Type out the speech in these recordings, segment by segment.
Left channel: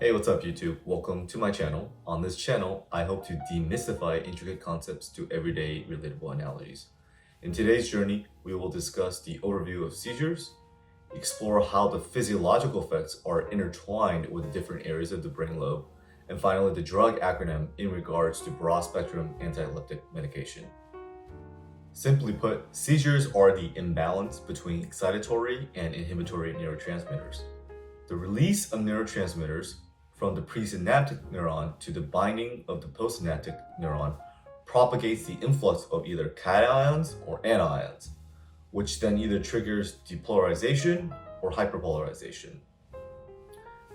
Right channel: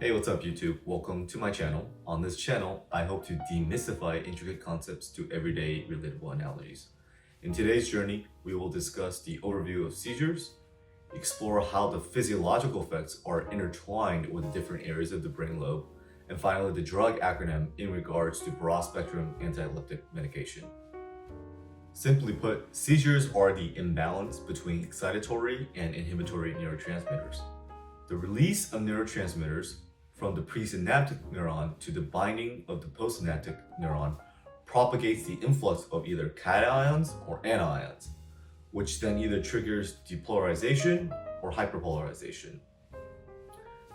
Hey, what's up YouTube? Welcome to my channel. On this channel, I hope to demystify intricate concepts to everyday relatable analogies. In today's journey, we will discuss the overview of seizures, explore how the physiological effects are intertwined with the different areas of the brain lobe, and finally the drug acronym in regards to broad-spectrum anti-epileptic medication. Simply put, seizures are the imbalance between excitatory and inhibitory neurotransmitters. The release of neurotransmitters from the presynaptic neuron to the binding of the postsynaptic neuron propagates the influx of either cations or anions, which then either triggers depolarization or hyperpolarization.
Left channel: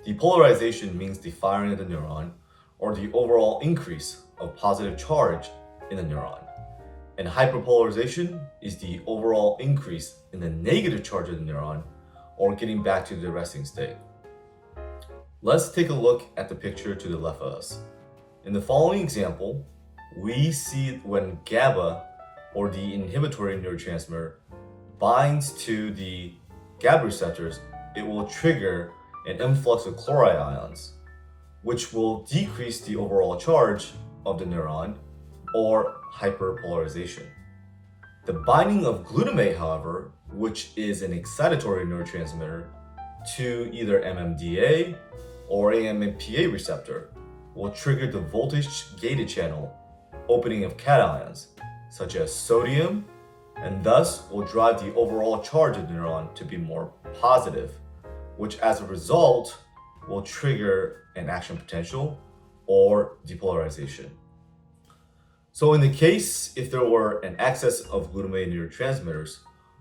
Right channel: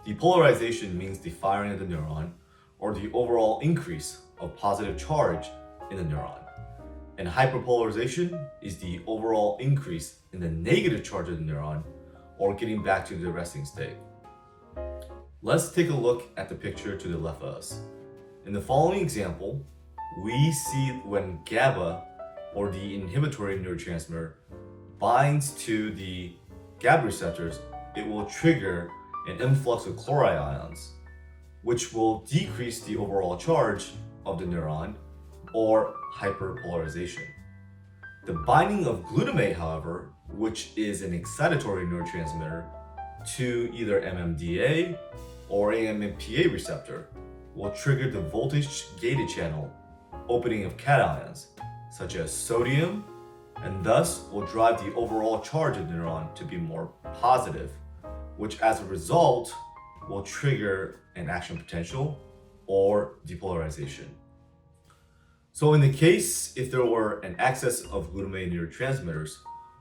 Depolarization means the firing of the neuron or the overall increase of positive charge in the neuron. And hyperpolarization is the overall increase in the negative charge of the neuron or getting back to the resting state. Let's take a look at the picture to the left of us. In the following example, we see when GABA, or the inhibitory neurotransmitter, binds to the GABA receptors, it will trigger an influx of chloride ions, which will decrease the overall charge of the neuron, or hyperpolarization. The binding of glutamate, however, which is an excitatory neurotransmitter, to either MMDA or AMPA receptor will trigger the voltage-gated channel opening of cations, such as sodium, and thus will drive the overall charge of the neuron to be more positive, which as a result will trigger an action potential or depolarization. So in the case if there were an excess of glutamate neurotransmitters,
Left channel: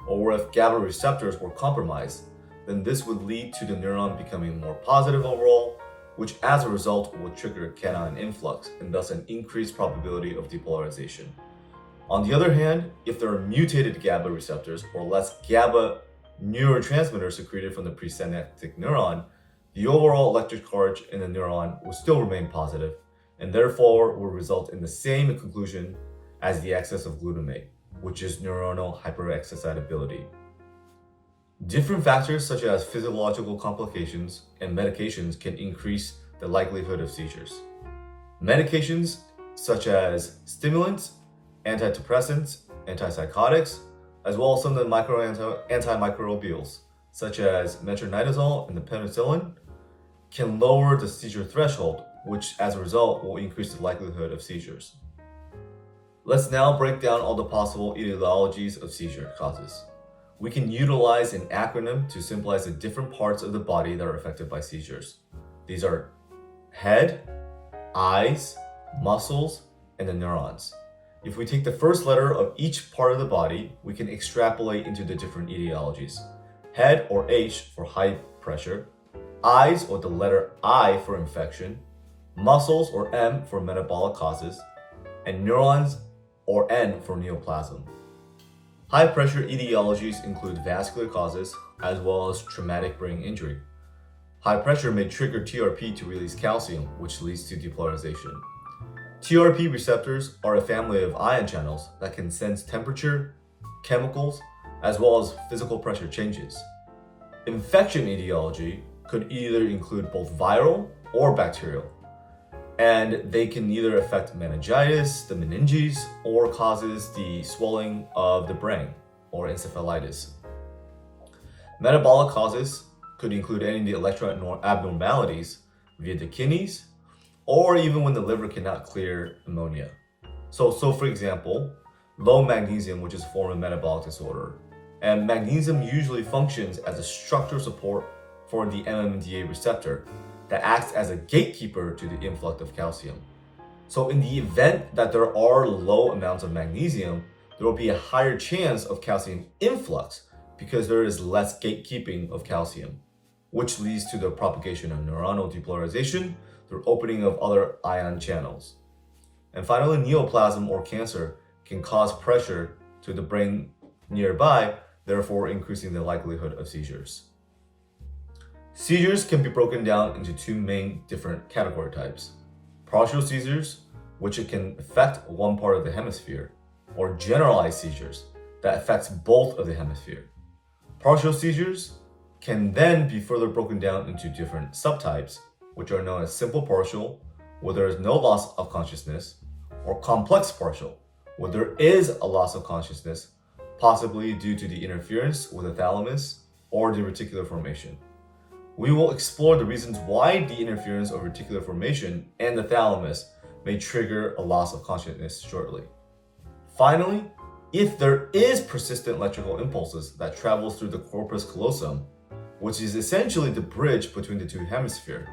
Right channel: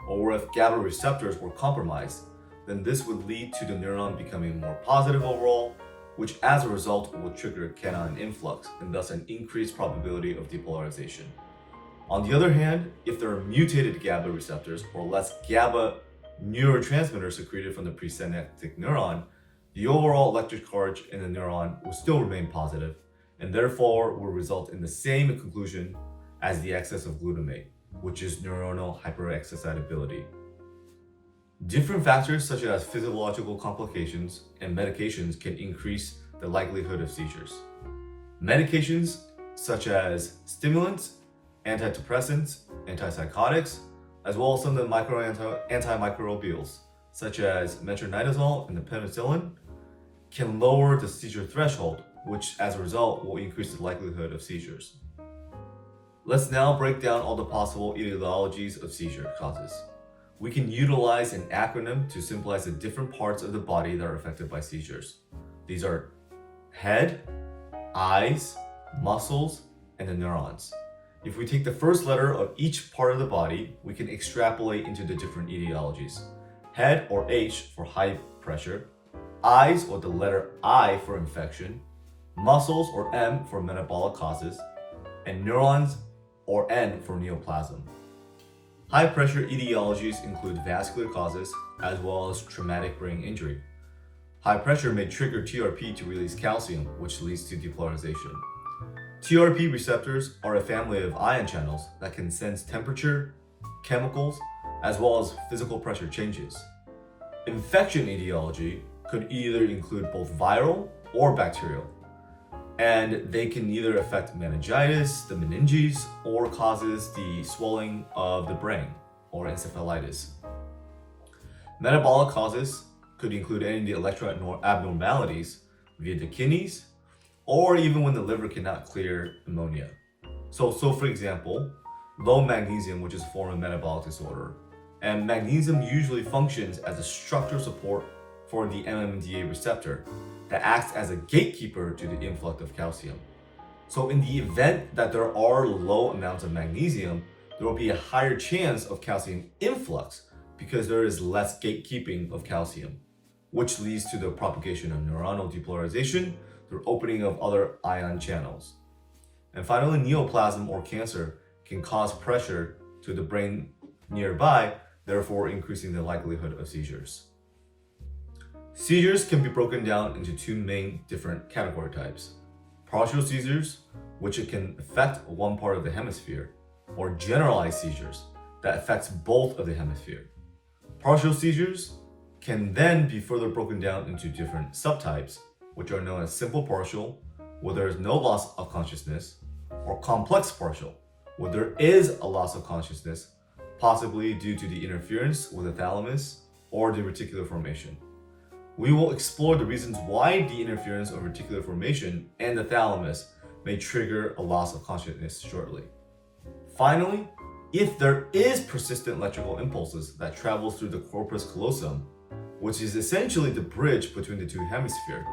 or if GABA receptors were compromised, then this would lead to the neuron becoming more positive overall, which as a result will trigger cation influx and thus an increased probability of depolarization. On the other hand, if there are mutated GABA receptors or less GABA neurotransmitters secreted from the presynaptic neuron, the overall electric charge in the neuron will still remain positive and therefore will result in the same conclusion as the excess of glutamate, which is neuronal hyperexcitability. Different factors such as physiological complications and medications can increase the likelihood of seizures. Medications such as stimulants, antidepressants, antipsychotics, as well as some of the antimicrobials such as metronidazole and the penicillin can lower the seizure threshold, which as a result will increase the likelihood of seizures. Let's now break down all the possible etiologies of seizure causes. We can utilize an acronym to symbolize the different parts of the body that are affected by seizures. These are head, eyes, muscles, and the neurons. If we take the first letter of each part of the body, we can extrapolate into the different etiologies. Head, or H, for high pressure. Eyes, or the letter I, for infection. Muscles, or M, for metabolic causes. And neurons, or N, for neoplasm. High pressure etiologies include vascular causes as well as traumatic brain injury. High pressure may trigger TRP to release calcium, which leads to depolarization. TRP receptors are a family of ion channels that can sense temperature, chemicals, as well as physical pressure changes. Infection etiology could either include both viral or bacterial, and they can either affect meningitis, the meninges, or causes the swelling of the brain, or encephalitis. Metabolic causes could include any of the electrolyte abnormalities via the kidneys, or even when the liver cannot clear ammonia. So for example, low magnesium, which is a form of metabolic disorder, and magnesium usually functions as a structural support for the MMDA receptor that acts as a gatekeeper to the influx of calcium. So in the event that there are low amounts of magnesium, there will be a higher chance of calcium influx because there is less gatekeeping of calcium, which leads to the propagation of neuronal depolarization through opening of other ion channels. And finally, neoplasm or cancer can cause pressure to the brain nearby, therefore increasing the likelihood of seizures. Seizures can be broken down into two main different category types. Partial seizures, which it can affect one part of the hemisphere, or generalized seizures that affects both of the hemisphere. Partial seizures can then be further broken down into different subtypes, which are known as simple partial, where there is no loss of consciousness, or complex partial, where there is a loss of consciousness, possibly due to the interference with the thalamus or the reticular formation. We will explore the reasons why the interference of reticular formation and the thalamus may trigger a loss of consciousness shortly. Finally, if there is persistent electrical impulses that travels through the corpus callosum, which is essentially the bridge between the two hemispheres,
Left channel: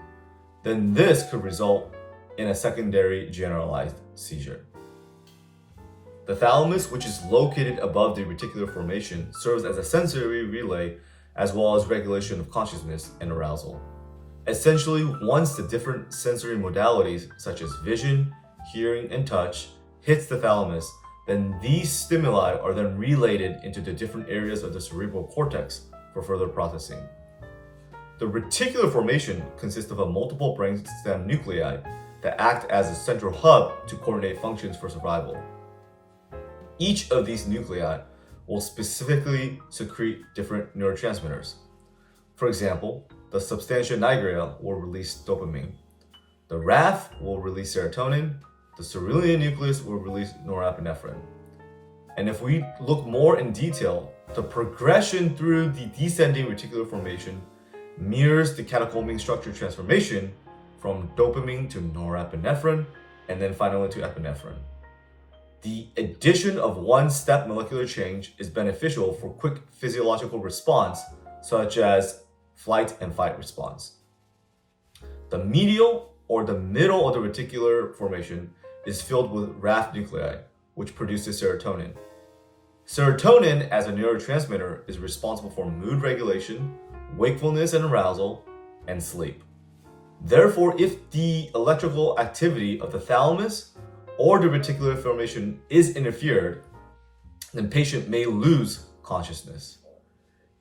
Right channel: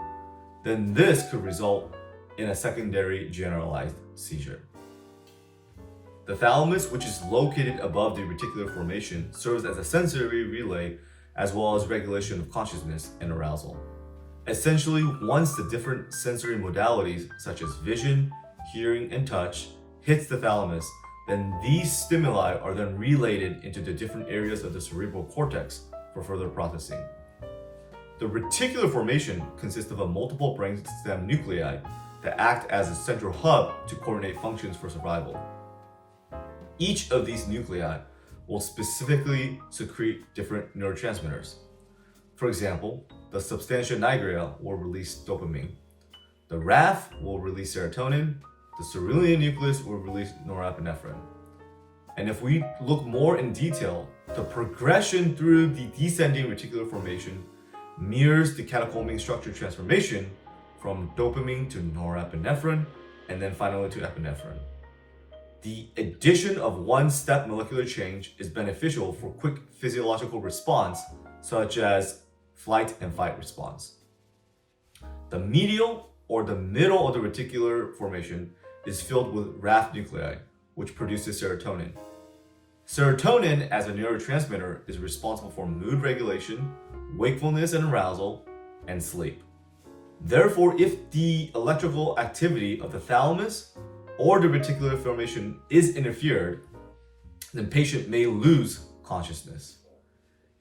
then this could result in a secondary generalized seizure. The thalamus, which is located above the reticular formation, serves as a sensory relay as well as regulation of consciousness and arousal. Essentially, once the different sensory modalities such as vision, hearing, and touch hits the thalamus, then these stimuli are then relayed into the different areas of the cerebral cortex for further processing. The reticular formation consists of a multiple brainstem nuclei that act as a central hub to coordinate functions for survival. Each of these nuclei will specifically secrete different neurotransmitters. For example, the substantia nigra will release dopamine. The RAF will release serotonin. The cerulean nucleus will release norepinephrine. And if we look more in detail, the progression through the descending reticular formation mirrors the catecholamine structure transformation from dopamine to norepinephrine and then finally to epinephrine. The addition of one-step molecular change is beneficial for quick physiological response, such as flight and fight response. The medial or the middle of the reticular formation is filled with RAF nuclei, which produces serotonin. Serotonin, as a neurotransmitter, is responsible for mood regulation, wakefulness and arousal, and sleep. Therefore, if the electrical activity of the thalamus or the reticular formation is interfered, then patient may lose consciousness.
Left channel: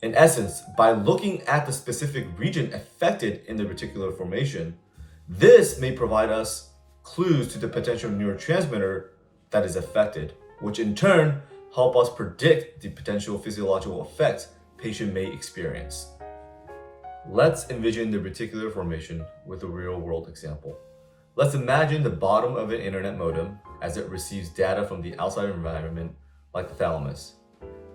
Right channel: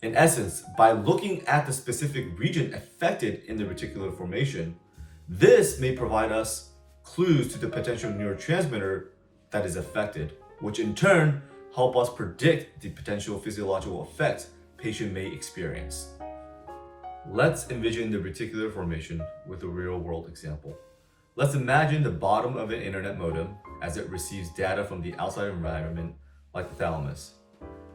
In essence, by looking at the specific region affected in the reticular formation, this may provide us clues to the potential neurotransmitter that is affected, which in turn help us predict the potential physiological effects patient may experience. Let's envision the reticular formation with a real-world example. Let's imagine the bottom of an internet modem as it receives data from the outside environment like the thalamus,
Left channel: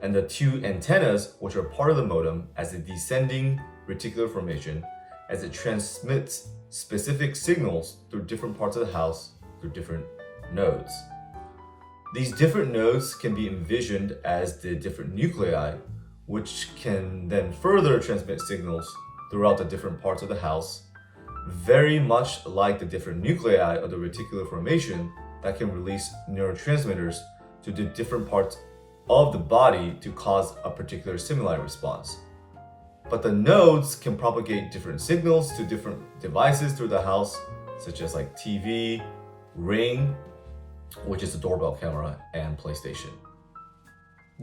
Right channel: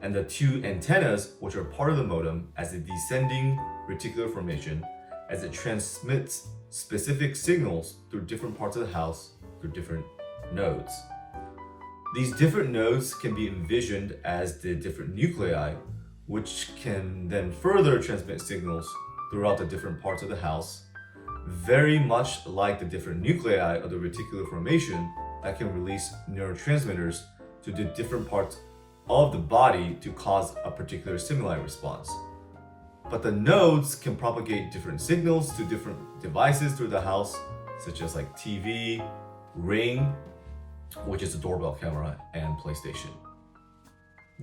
and the two antennas, which are part of the modem, as a descending reticular formation as it transmits specific signals through different parts of the house through different nodes. These different nodes can be envisioned as the different nuclei, which can then further transmit signals throughout the different parts of the house, very much like the different nuclei of the reticular formation that can release neurotransmitters to the different parts of the body to cause a particular stimuli response. But the nodes can propagate different signals to different devices through the house, such as like TV, Ring, which is a doorbell camera, and PlayStation.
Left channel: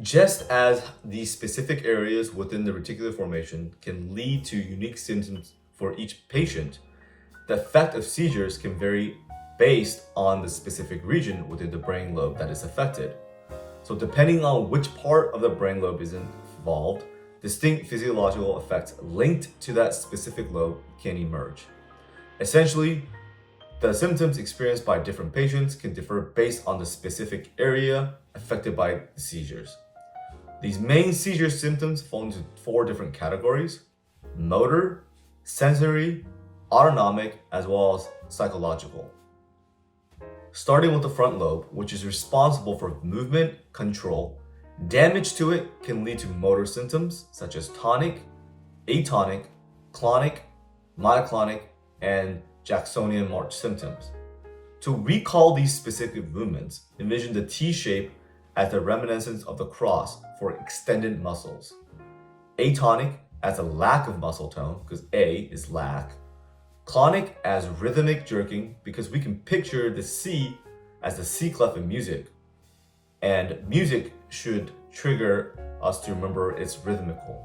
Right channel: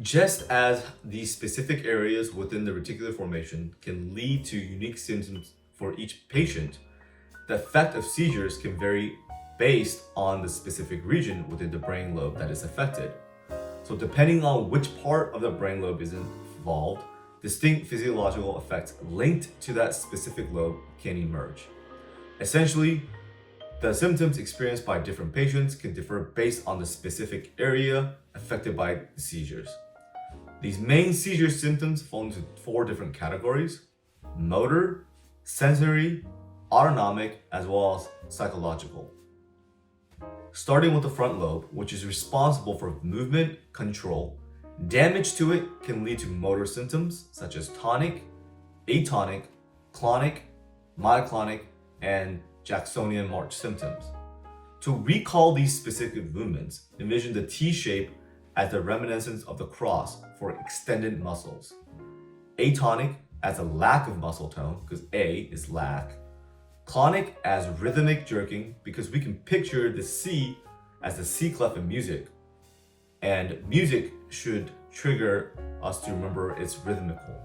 Just as these specific areas within the reticular formation can lead to unique symptoms for each patient, the effect of seizures can vary based on the specific region within the brain lobe that is affected. So depending on which part of the brain lobe is involved, distinct physiological effects linked to that specific lobe can emerge. Essentially, the symptoms experienced by different patients can differ based on the specific area affected by the seizures. These main seizure symptoms fall into 4 different categories: motor, sensory, autonomic, as well as psychological. Starting with the front lobe, which is responsible for movement control, damage to it can lead to motor symptoms such as tonic, atonic, clonic, myoclonic, and Jacksonian march symptoms. To recall these specific movements, envision the T shape as the reminiscence of the cross for extended muscles. Atonic as a lack of muscle tone, because A is lack. Clonic as rhythmic jerking, because we can picture the C as the C clef in music. And music should trigger us to remember it's rhythmical.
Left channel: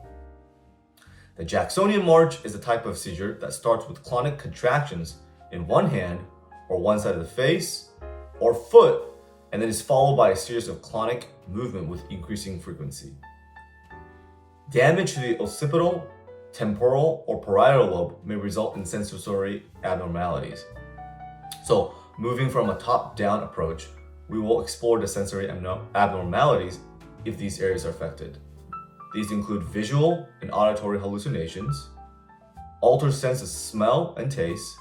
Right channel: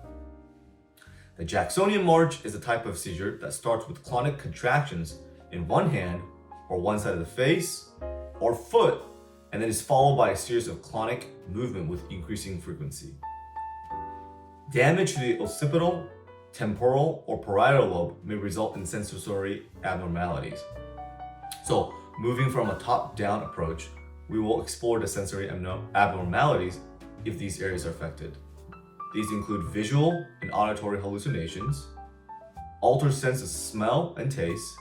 The Jacksonian march is a type of seizure that starts with clonic contractions in one hand or one side of the face or foot, and then is followed by a series of clonic movement with increasing frequency. Damage to the occipital temporal or parietal lobe may result in sensory abnormalities. So, moving from a top-down approach, we will explore the sensory abnormalities if these areas are affected. These include visual and auditory hallucinations, altered sense of smell and taste,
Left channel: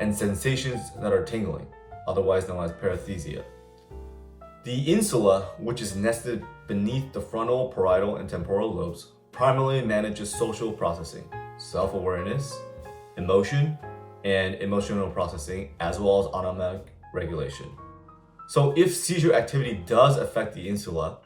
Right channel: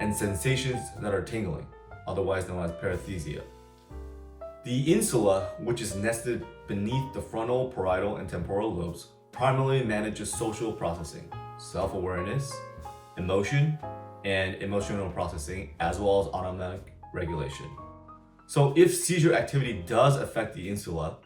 and sensations that are tingling, otherwise known as paresthesia. The insula, which is nested beneath the frontal, parietal, and temporal lobes, primarily manages social processing, self-awareness, emotion, and emotional processing, as well as autonomic regulation. So if seizure activity does affect the insula,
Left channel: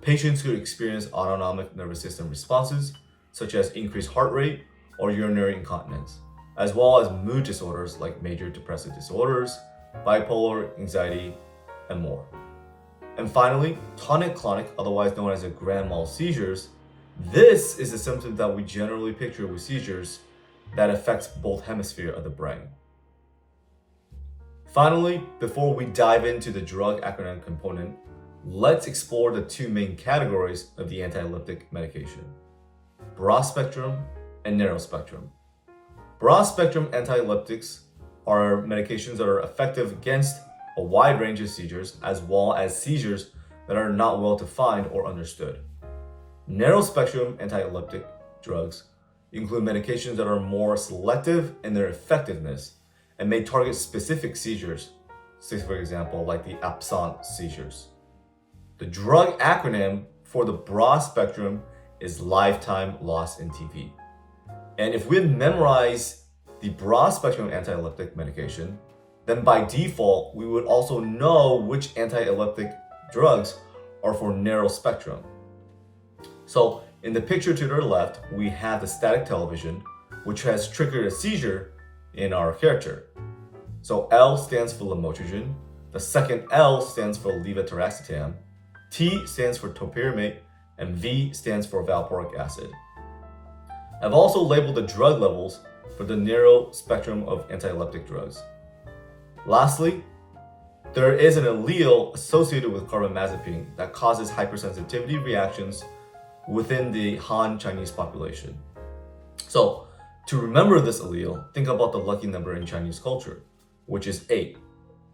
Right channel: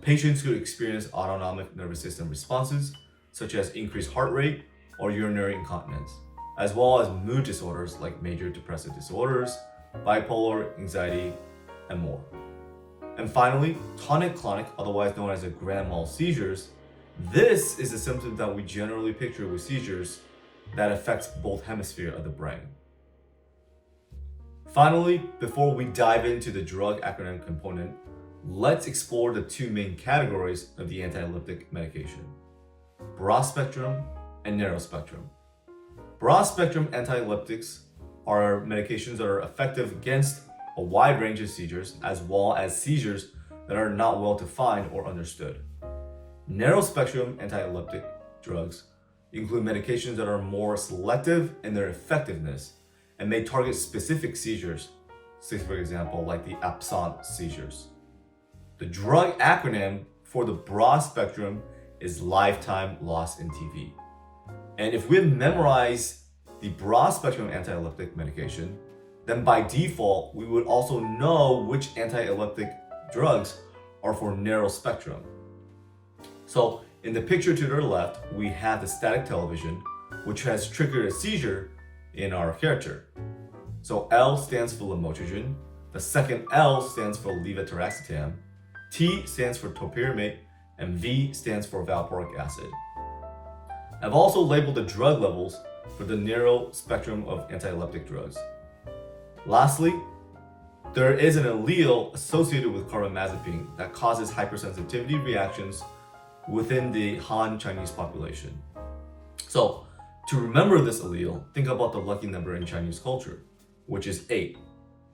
patients could experience autonomic nervous system responses, such as increased heart rate or urinary incontinence, as well as mood disorders like major depressive disorders, bipolar, anxiety, and more. And finally, tonic-clonic, otherwise known as grand mal seizures. This is a symptom that we generally picture with seizures that affects both hemispheres of the brain. Finally, before we dive into the drug acronym component, let's explore the two main categories of the anti-epileptic medication: broad spectrum and narrow spectrum. Broad spectrum anti-epileptics are medications that are effective against a wide range of seizures, as well as seizures that are not well defined or understood. Narrow spectrum anti-epileptic drugs include medications that are more selective in their effectiveness and may target specific seizures, say for example, like the absent seizures. The drug acronym for the broad spectrum is lifetime loss in TV. And if we memorize the broad spectrum anti-epileptic medication, then by default, we would also know which anti-epileptic drugs are for narrow spectrum. So in the picture to the left, we have the static television, which has triggered a seizure in our hair chart. So L stands for lamotrigine, the second L stands for levetiracetam, T stands for topiramate, and V stands for valproic acid. I've also labeled the drug levels for the narrow spectrum of anti-epileptic drugs. Lastly, there is an allele associated with carbamazepine that causes hypersensitivity reactions within the Han Chinese population. So, to remember this allele, think about the lucky number in Chinese culture, which is 8.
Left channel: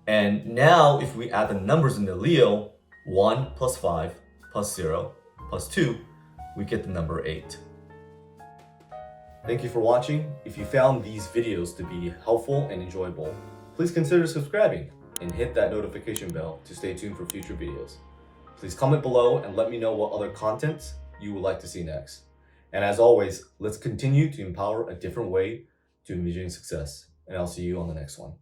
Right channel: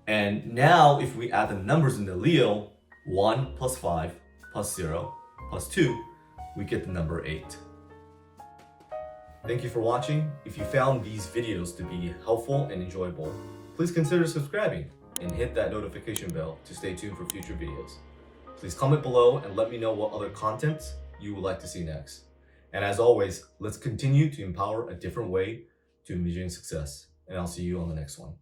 And now, if we add the numbers in the allele, 1 plus 5 plus 0 plus 2, we get the number 8. Thank you for watching. If you found these videos to be helpful and enjoyable, please consider subscribing and hit that notification bell to stay tuned for future videos. Please comment below and let me know what other content you would like to see next. And as always, let's continue to empower a different way to envision success. And I'll see you on the next one.